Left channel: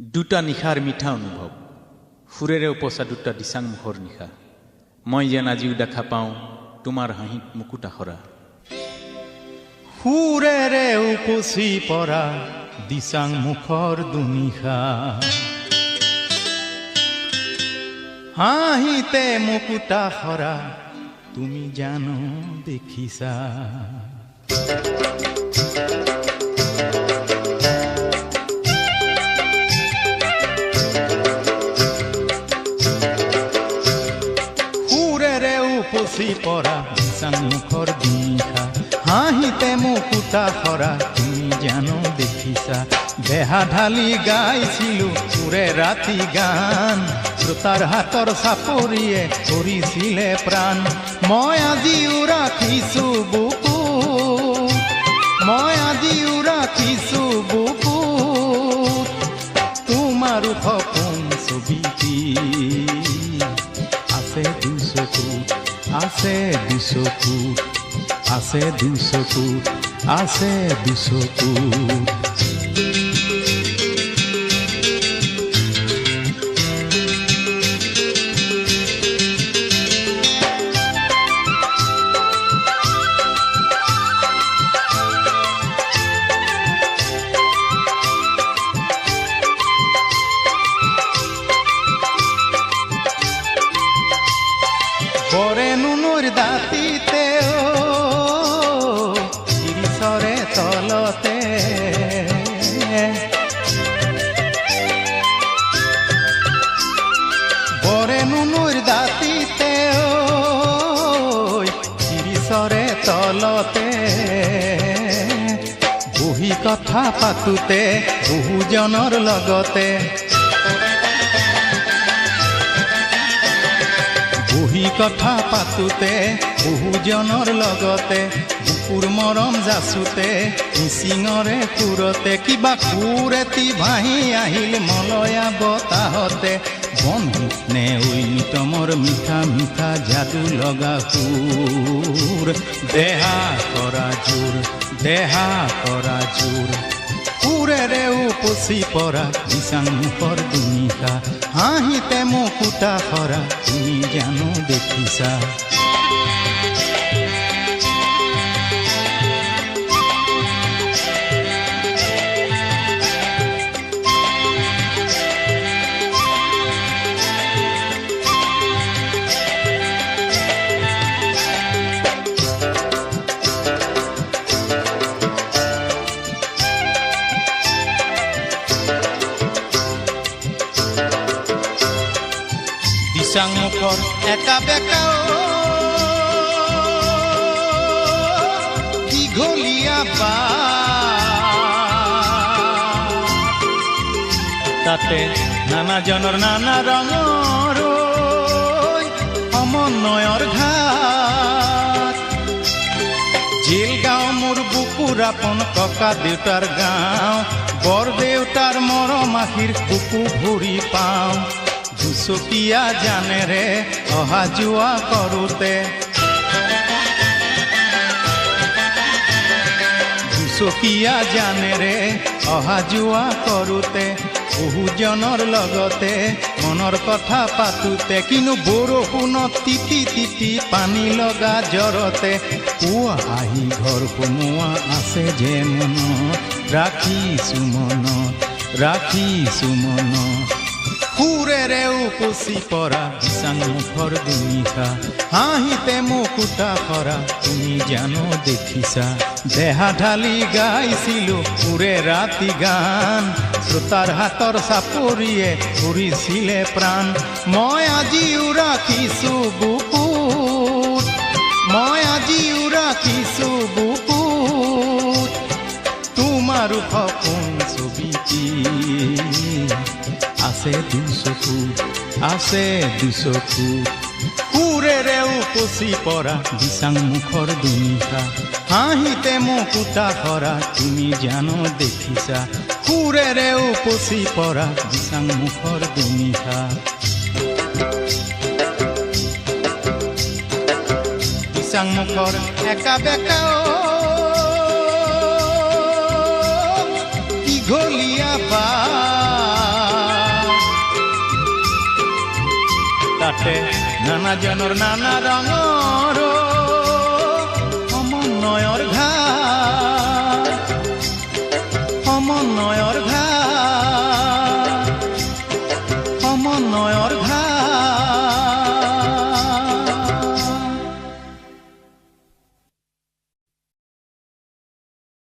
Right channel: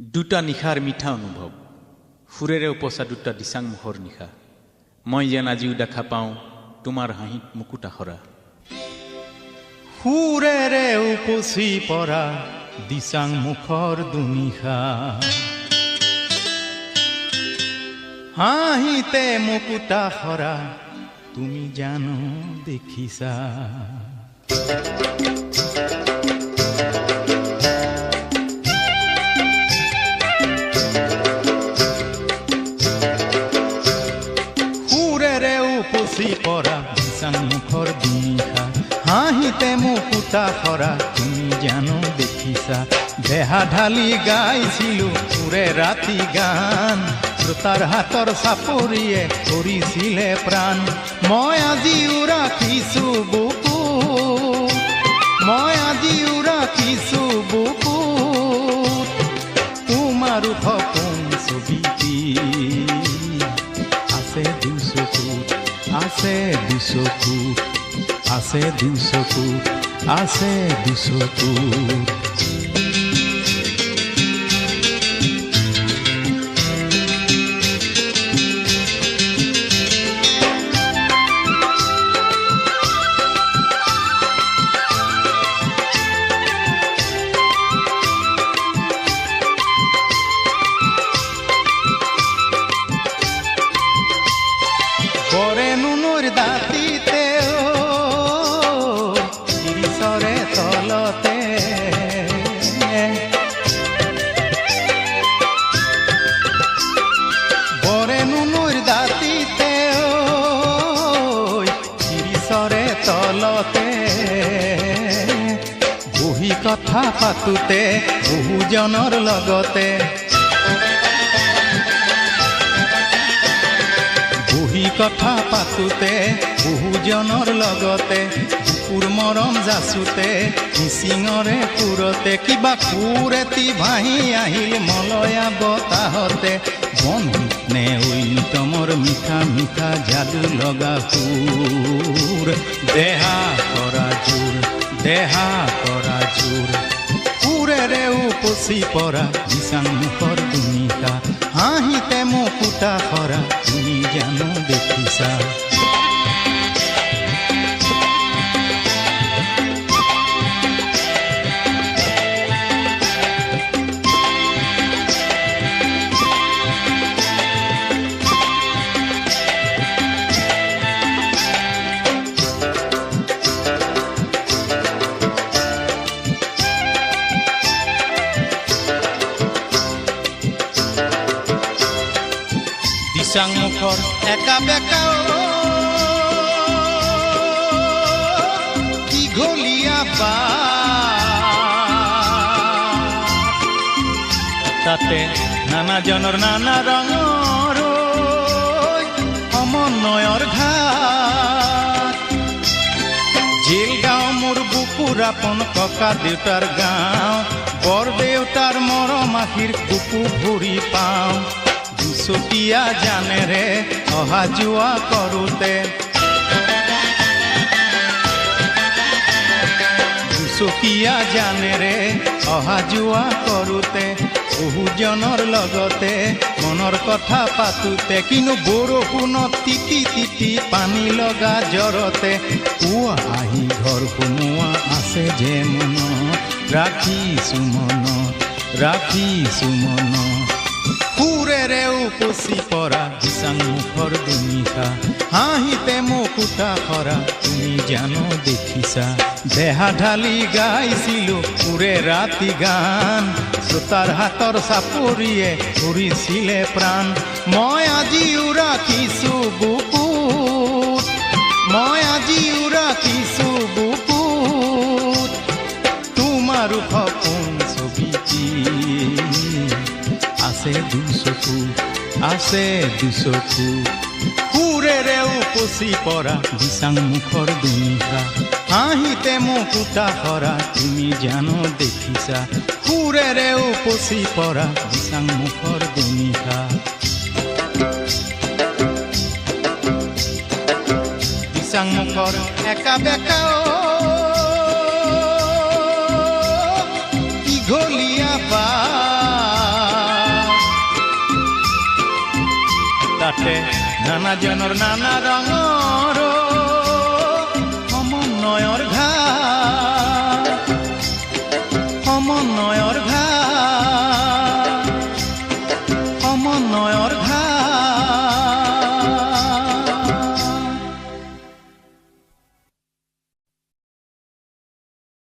দুটা নিশাৰ মিঠা অনুভৱ সুৰেৰে উপচা দুটা দিচাং মুখৰ নিশা মই যেন আজিও দেখা পাওঁ তোমাৰ হাঁহিত মুকুট আখৰা সুৰেৰে উপচি পৰা দিচাং মুখৰ দুনিশা হাঁহিতে মুকুট আখৰা তুমি জানো দেখিছা উপচি পৰা দিচাং মুখৰ দুনিশা হাঁহিতে মুকুট আখৰা তুমি জানো দেখিছা দেহা ঢালি গাইছিলো সুৰে ৰাতি গান শ্ৰোতাৰ হাতৰ চাপৰিয়ে কৰিছিলে প্ৰাণ মই আজিও ৰাখিছো বুকু তোমাৰ সপোন ছবিটি আছে দুচকুত আছে দুচকুত বৰে নুনুৰ দাঁতিতে শিৰিষৰে তলতে বৰে নুনুৰ দাঁতিতে শিৰিষৰে তলতে বহি কথা পাতোতে বহুজনৰ লগতে বহি কথা পাতোতে বহুজনৰ লগতে বুকুৰ মৰম যাচোতে মিচিঙৰে সুৰতে কিবা সুৰ এটি ভাহি আহিল মলয়া বতাহতে বন্ধু নে ঐনিতমৰ মিঠা মিঠা যাদু লগা সুৰ দেহা কৰা জোৰ সুৰেৰে উপচি পৰা দিচাং মুখৰ দুনিশা হাঁহিতে মুকুট আখৰা তুমি জানো দেখিছা দিচাং মুখৰ একা বেকা দীঘলীয়া তাতে নানাজনৰ নানা ৰঙৰ সমন্বয়ৰ ঘাট জেল গাঁও মোৰ বুকুৰ আপোন ককা দেউতাৰ গাঁও বৰ দেউতাৰ মৰম আশীৰ বুকু ভৰি পাওঁ দুচকীয়া জানেৰে অহা যোৱা কৰোতে বহুজনৰ লগতে মনৰ কথা পাতোতে কিন্তু বৰষুণত তিতি তিতি পানী লগা জ্বৰতে পুৱা আহি ঘৰ সোমোৱা আছে যে মনত ৰাখিছো মনত সুৰেৰে উপচি পৰা দিচাং মুখৰ দুনিশা হাঁহিতে মুকুট আখৰা তুমি জানো দেখিছা দেহা ঢালি গাইছিলো সুৰে ৰাতি গান শ্ৰোতাৰ হাতৰ চাপৰিয়ে কৰিছিলে প্ৰাণ মই আজিও ৰাখিছো বুকুত তোমাৰ সপোন ছবিটি আছে দুচকুত সুৰেৰে উপচি পৰা দিচাং মুখৰ দুনিশা হাঁহিতে মুকুট আখৰা তুমি জানো দেখিছা সুৰেৰে উপচি পৰা দিচাং মুখৰ দুনিশা দিচাং মুখৰ একা বেকা দীঘলীয়া তাতে নানাজনৰ নানা ৰঙৰ সমন্বয়ৰ ঘাট